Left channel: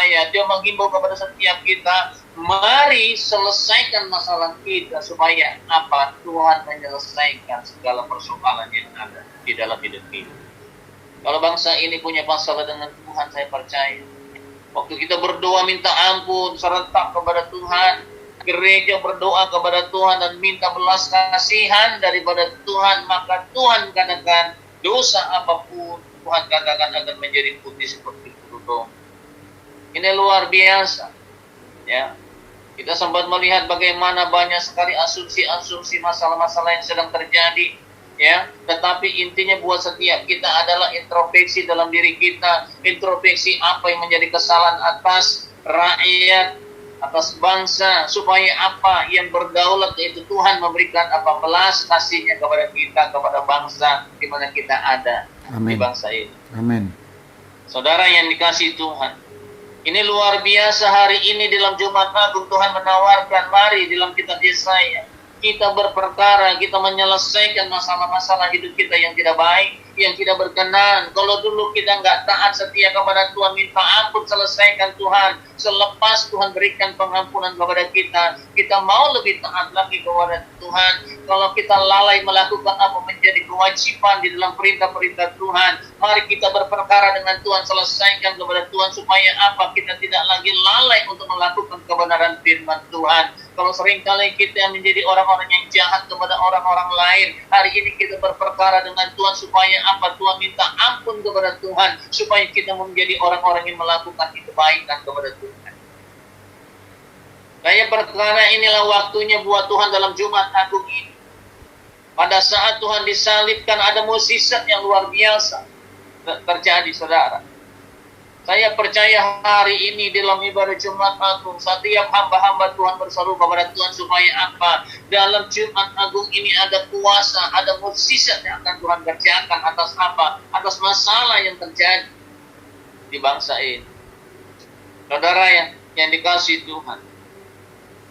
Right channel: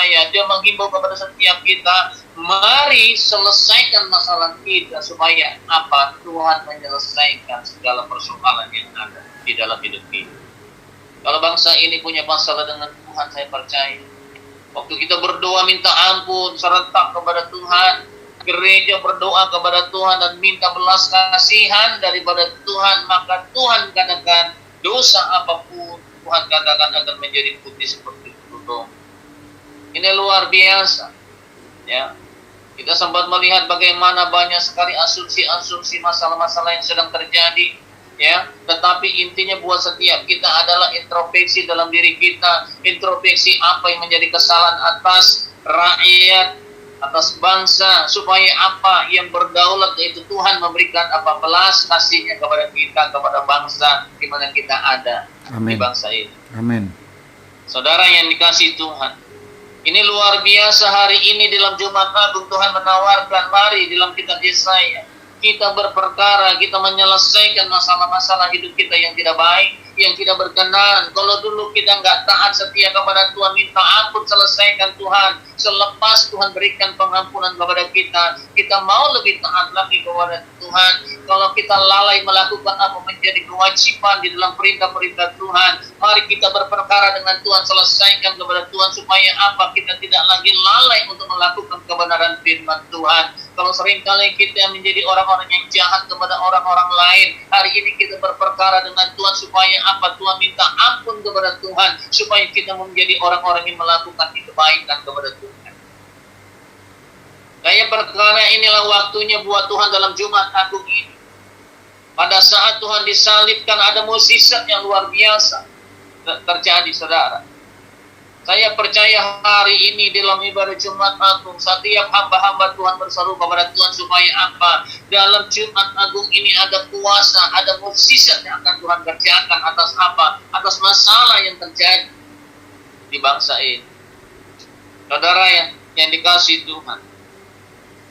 saya. Dia menghimbau kepada setiap kita, mari selesaikan masalah kita supaya apa? Tuhan menyelesaikan segala persoalan yang ada di dalam hidup kita. Kalau bangsa ini punya masalah dengan Tuhan, saya percaya waktu kita berdoa minta ampun serentak kepada Tuhan, gereja berdoa kepada Tuhan dan minta belas kasihan daripada Tuhan, maka Tuhan katakan dosa apapun Tuhan katakan akan menjadi putih seperti bulu. Ini luar biasa, ya. Kita sempat melihat bagaimana banyak sekali asumsi-asumsi masalah-masalah yang sedang terjadi, ya. Tetapi intinya buat setiap kita adalah introspeksi dalam diri kita, introspeksi apa yang menjadi kesalahan atas rakyat, atas bangsa, supaya apa yang berdaulat, yaitu Tuhan memberikan apa belas kasih-Nya kepada kita, kepada bangsa di mana kita ada. Amin. Di bangsa ini. Amin. Saudara yang dikasihi Tuhan, ini luar biasa hari ini dalam Jumat Agung Tuhan menawarkan, mari dalam kitab Yesaya kita berperkara, kita menyelesaikan masalah-masalah hidup kita yang tidak baik, yang tidak berkenan. Kalau dulu kita nggak taat setia kepada Tuhan, minta ampun, selesaikan Tuhan. Selepas Tuhan berikan pengampunan kepada kita, kita mau lebih taat lagi kepada Tuhan. Kalau kita lalai melakukan apa menjadi kewajiban di dalam perintah-perintah Tuhan, mari kita berperkara dengan Tuhan, selesaikan kepada Tuhan supaya apa? Kita tidak lagi lalai untuk melakukan kebenaran firman Tuhan. Kalau seringkali kita menjadi orang-orang yang jahat kepada orang-orang lain, hari ini kita berperkara dengan Tuhan supaya apa? Tuhan minta ampun kepada Tuhan, supaya kita menjadi orang-orang yang melakukan kebaikan kepada Tuhan. Saya perkara inilah waktunya buat Tuhan dalam Jumat Agung ini. Pada saat Tuhan disalibkan, ada mukjizat yang luar biasa terjadi, saudara. Saya percaya hari ini dalam ibadah Jumat Agung, setiap hamba-hamba Tuhan berseru kepada Tuhan supaya apa? Dalam Jumat Agung ini ada kuasa, ada mukjizat yang akan Tuhan kerjakan atas apa? Atas masalah yang terjadi di bangsa ini. Saudara yang dikasihi Tuhan,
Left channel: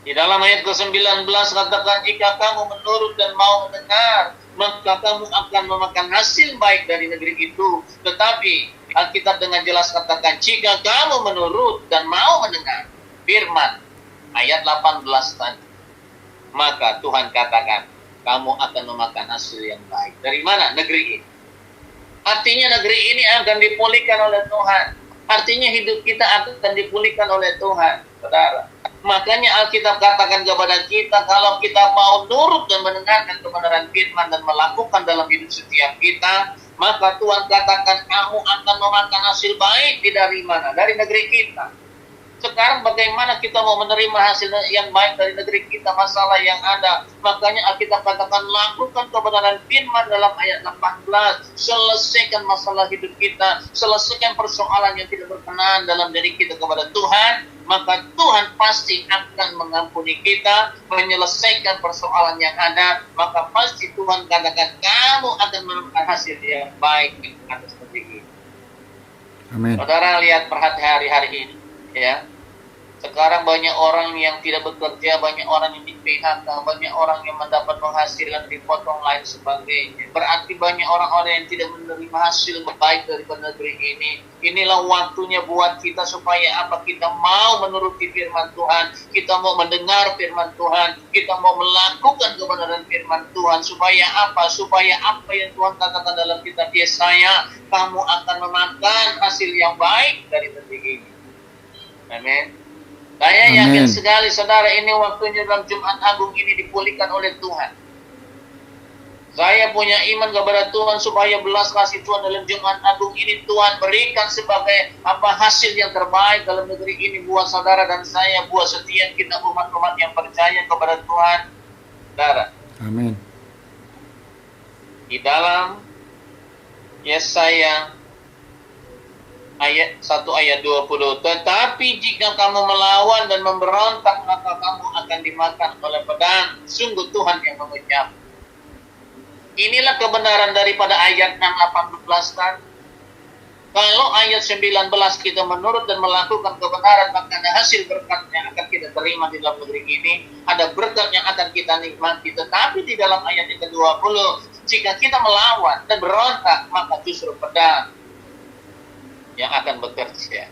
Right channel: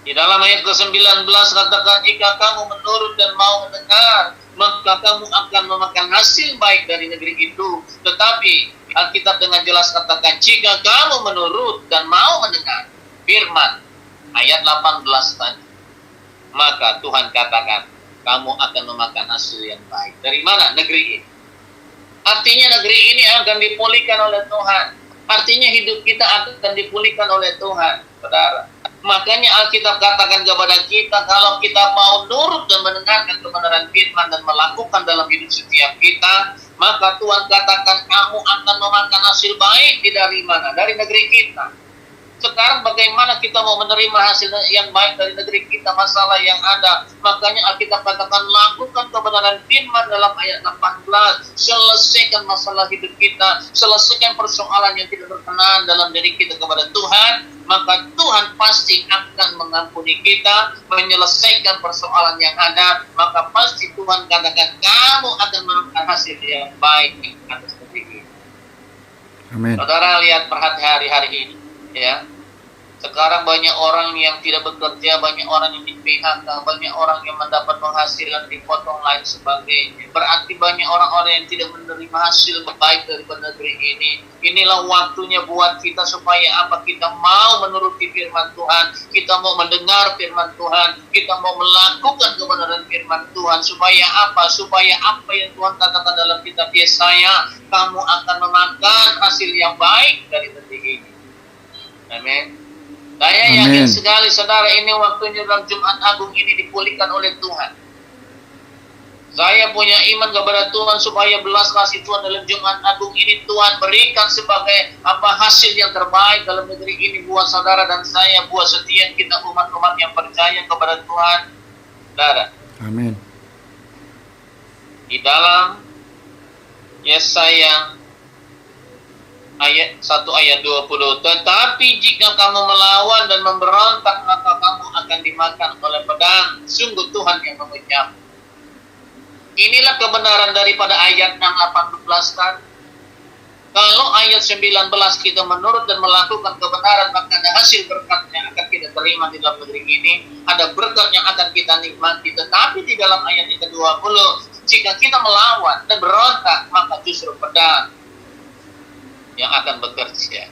di dalam ayat ke-19 katakan, jika kamu menurut dan mau mendengar, maka kamu akan memakan hasil baik dari negeri itu. Tetapi Alkitab dengan jelas katakan, jika kamu menurut dan mau mendengar firman, ayat 18 tadi, maka Tuhan katakan, kamu akan memakan hasil yang baik. Dari mana? Negeri ini. Artinya negeri ini akan dipulihkan oleh Tuhan. Artinya hidup kita akan dipulihkan oleh Tuhan, saudara. Makanya Alkitab katakan kepada kita, kalau kita mau nurut dan mendengarkan kebenaran firman dan melakukan dalam hidup setiap kita, maka Tuhan katakan kamu akan memakan hasil baik dari mana? Dari negeri kita. Sekarang bagaimana kita mau menerima hasil yang baik dari negeri kita, masalah yang ada? Makanya Alkitab katakan lakukan kebenaran firman dalam ayat 18. Selesaikan masalah hidup kita, selesaikan persoalan yang tidak berkenan dalam diri kita kepada Tuhan, maka Tuhan pasti akan mengampuni kita, menyelesaikan persoalan yang ada. Maka pasti Tuhan katakan kamu akan menemukan hasil yang baik di atas negeri ini. Amin. Saudara lihat perhati hari-hari ini, ya. Sekarang banyak orang yang tidak bekerja, banyak orang yang di PHK, banyak orang yang mendapat penghasilan dipotong lain sebagainya. Berarti banyak orang-orang yang tidak menerima hasil baik dari negeri ini. Inilah waktunya buat kita supaya apa? Kita mau menuruti firman Tuhan, kita mau mendengar firman Tuhan, kita mau melakukan kebenaran firman Tuhan, supaya apa? Supaya apa yang Tuhan katakan dalam kitab Yesaya, kamu akan memakan hasil yang baik dari negeri ini. Amin. Saya yakin sekali, saudara, ini waktunya dalam Jumat Agung ini dipulihkan oleh Tuhan. Saya punya iman kepada Tuhan supaya belas kasih Tuhan dalam Jumat Agung ini Tuhan berikan sebagai apa hasil yang terbaik dalam negeri ini buat saudara dan saya, buat setiap kita umat-umat yang percaya kepada Tuhan, saudara. Amin. Di dalam Yesaya ayat 1 ayat 20, tetapi jika kamu melawan dan memberontak, maka kamu akan dimakan oleh pedang. Sungguh Tuhan yang mengucap. Inilah kebenaran daripada ayat 18 kan. Kalau ayat 19 kita menurut dan melakukan kebenaran, maka ada hasil berkat yang akan kita terima di dalam negeri ini. Ada berkat yang akan kita nikmati. Tetapi di dalam ayat yang ke-20, jika kita melawan dan berontak, maka justru pedang yang akan bekerja.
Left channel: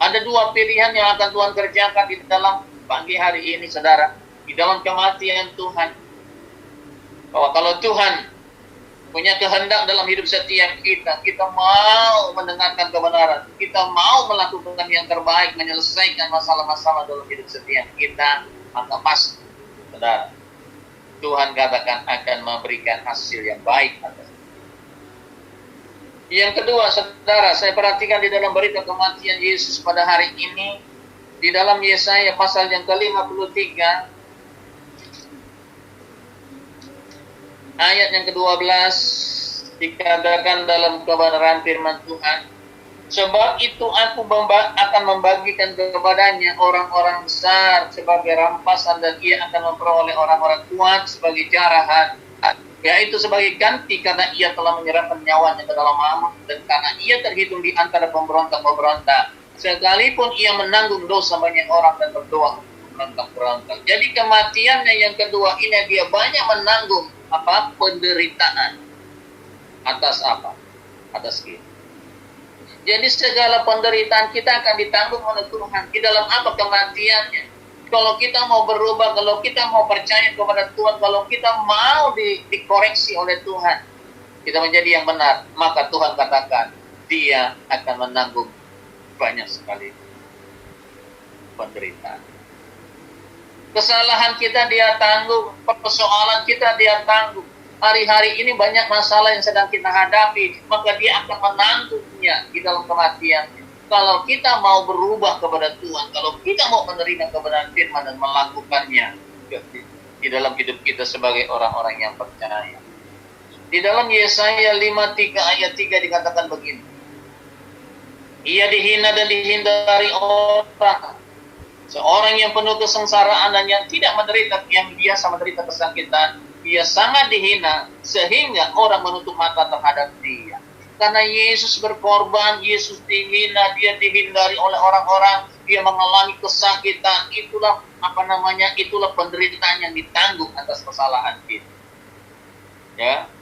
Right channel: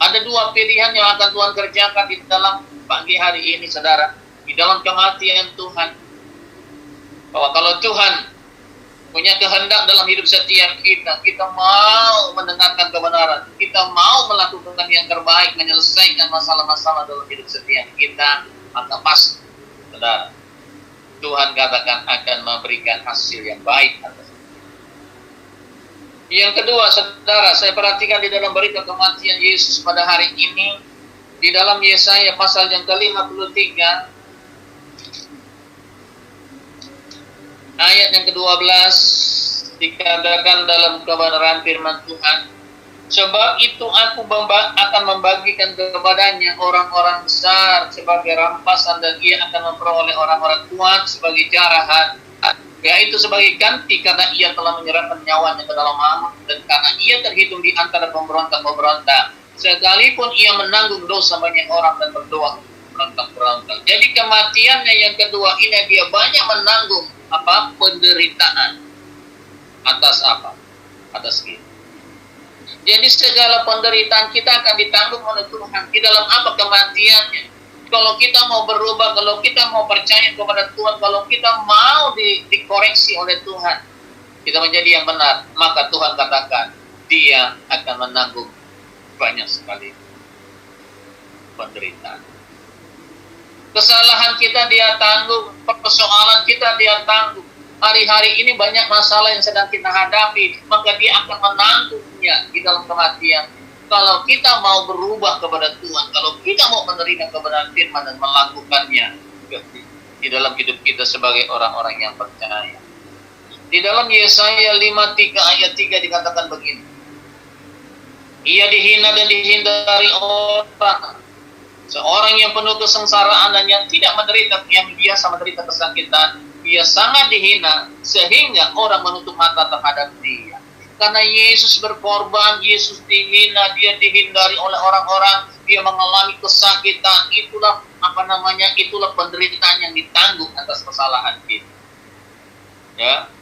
Ada dua pilihan yang akan Tuhan kerjakan di dalam pagi hari ini, saudara. Di dalam kematian Tuhan. Bahwa kalau Tuhan punya kehendak dalam hidup setiap kita, kita mau mendengarkan kebenaran, kita mau melakukan yang terbaik, menyelesaikan masalah-masalah dalam hidup setiap kita, maka pasti, saudara, Tuhan katakan akan memberikan hasil yang baik atas kita. Yang kedua, saudara, saya perhatikan di dalam berita kematian Yesus pada hari ini, di dalam Yesaya pasal yang ke-53, ayat yang ke-12, dikatakan dalam kebenaran firman Tuhan, sebab itu aku akan membagikan kepadanya orang-orang besar sebagai rampasan, dan ia akan memperoleh orang-orang kuat sebagai jarahan, yaitu sebagai ganti karena ia telah menyerahkan nyawanya ke dalam maut, dan karena ia terhitung di antara pemberontak-pemberontak, sekalipun ia menanggung dosa banyak orang dan berdoa berontak-berontak. Jadi kematiannya yang kedua ini, dia banyak menanggung penderitaan. Atas apa? Atas kita. Jadi segala penderitaan kita akan ditanggung oleh Tuhan. Di dalam apa kematiannya? Kalau kita mau berubah, kalau kita mau percaya kepada Tuhan, kalau kita mau dikoreksi oleh Tuhan, kita menjadi yang benar, maka Tuhan katakan, Dia akan menanggung banyak sekali penderitaan. Kesalahan kita Dia tanggung, persoalan kita Dia tanggung. Hari-hari ini banyak masalah yang sedang kita hadapi, maka Dia akan menanggungnya di dalam kematian. Kalau kita mau berubah kepada Tuhan, kalau kita mau menerima kebenaran firman dan melakukannya di dalam hidup kita sebagai orang-orang yang percaya. Di dalam Yesaya 53 ayat 3 dikatakan begini, ia dihina dan dihindari orang, seorang yang penuh kesengsaraan dan yang tidak menderita, yang biasa menderita kesakitan, dia sangat dihina sehingga orang menutup mata terhadap dia. Karena Yesus berkorban, Yesus dihina, dia dihindari oleh orang-orang, dia mengalami kesakitan. Itulah itulah penderitaan yang ditanggung atas kesalahan kita. Ya.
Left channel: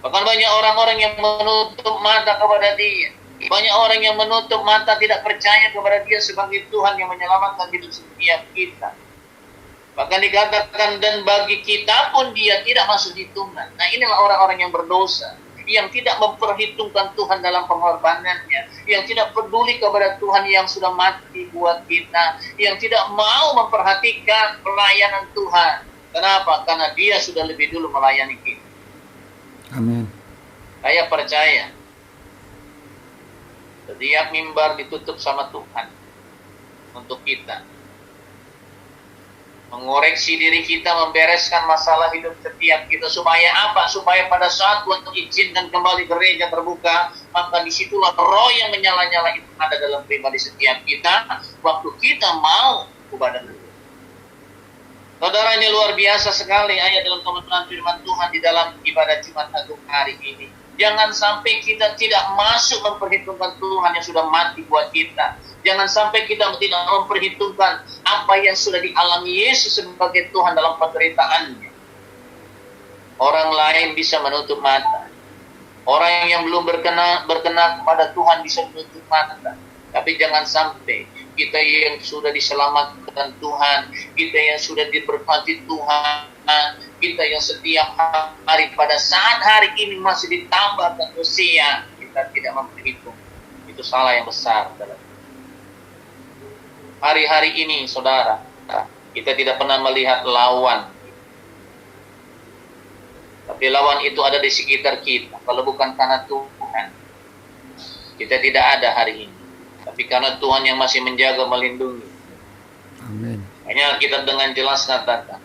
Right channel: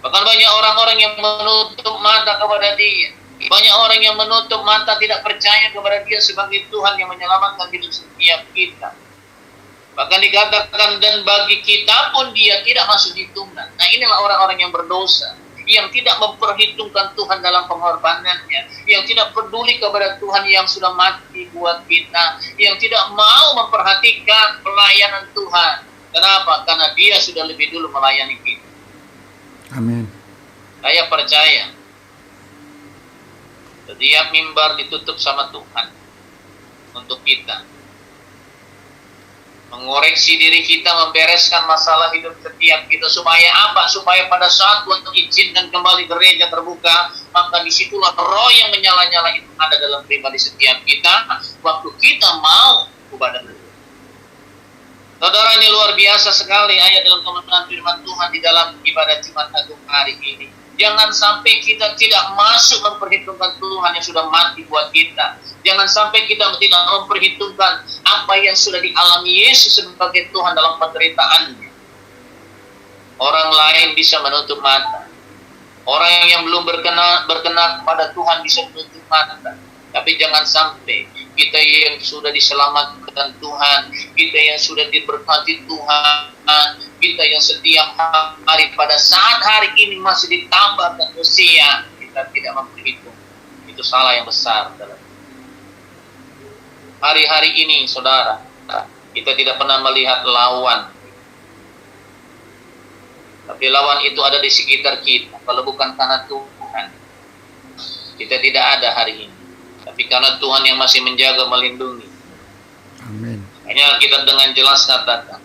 Bahkan banyak orang-orang yang menutup mata kepada Dia. Banyak orang yang menutup mata, tidak percaya kepada Dia sebagai Tuhan yang menyelamatkan hidup setiap kita. Bahkan dikatakan, dan bagi kita pun Dia tidak masuk hitungan. Nah, inilah orang-orang yang berdosa, yang tidak memperhitungkan Tuhan dalam pengorbanannya, yang tidak peduli kepada Tuhan yang sudah mati buat kita, yang tidak mau memperhatikan pelayanan Tuhan. Kenapa? Karena Dia sudah lebih dulu melayani kita. Amin. Saya percaya setiap mimbar ditutup sama Tuhan untuk kita mengoreksi diri kita, membereskan masalah hidup setiap kita. Supaya apa? Supaya pada saat Tuhan izinkan kembali gereja terbuka, maka disitulah roh yang menyala-nyala itu ada dalam pribadi setiap kita, waktu kita mau ibadah. Saudara, ini luar biasa sekali ayat dalam kebenaran firman Tuhan di dalam ibadah Jumat Agung hari ini. Jangan sampai kita tidak masuk memperhitungkan Tuhan yang sudah mati buat kita. Jangan sampai kita tidak memperhitungkan apa yang sudah dialami Yesus sebagai Tuhan dalam penderitaannya. Orang lain bisa menutup mata. Orang yang belum berkenan kepada Tuhan bisa menutup mata. Tapi jangan sampai kita yang sudah diselamatkan Tuhan, kita yang sudah diberkati Tuhan, kita yang setiap hari pada saat hari ini masih ditambahkan usia, kita tidak memperhitung. Itu salah yang besar dalam hari-hari ini, saudara. Kita tidak pernah melihat lawan, tapi lawan itu ada di sekitar kita. Kalau bukan karena Tuhan, kita tidak ada hari ini. Tapi karena Tuhan yang masih menjaga, melindungi. Amin. Hanya kita dengan jelas katakan,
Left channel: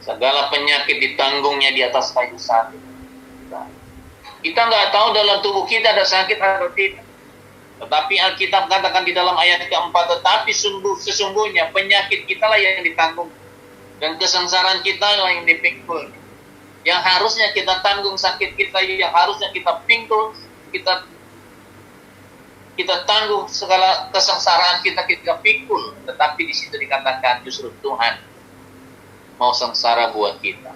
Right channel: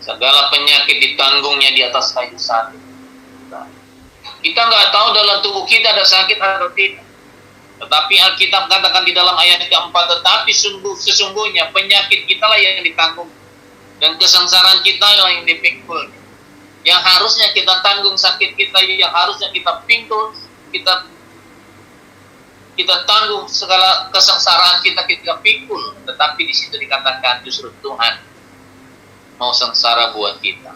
segala penyakit ditanggungnya di atas kayu salib. Kita nggak tahu dalam tubuh kita ada sakit atau tidak. Tetapi Alkitab katakan di dalam ayat keempat, tetapi sesungguhnya penyakit kita lah yang ditanggung, dan kesengsaraan kita lah yang dipikul. Yang harusnya kita tanggung sakit kita, yang harusnya kita pikul, kita tanggung segala kesengsaraan kita pikul, tetapi di situ dikatakan justru Tuhan mau sengsara buat kita.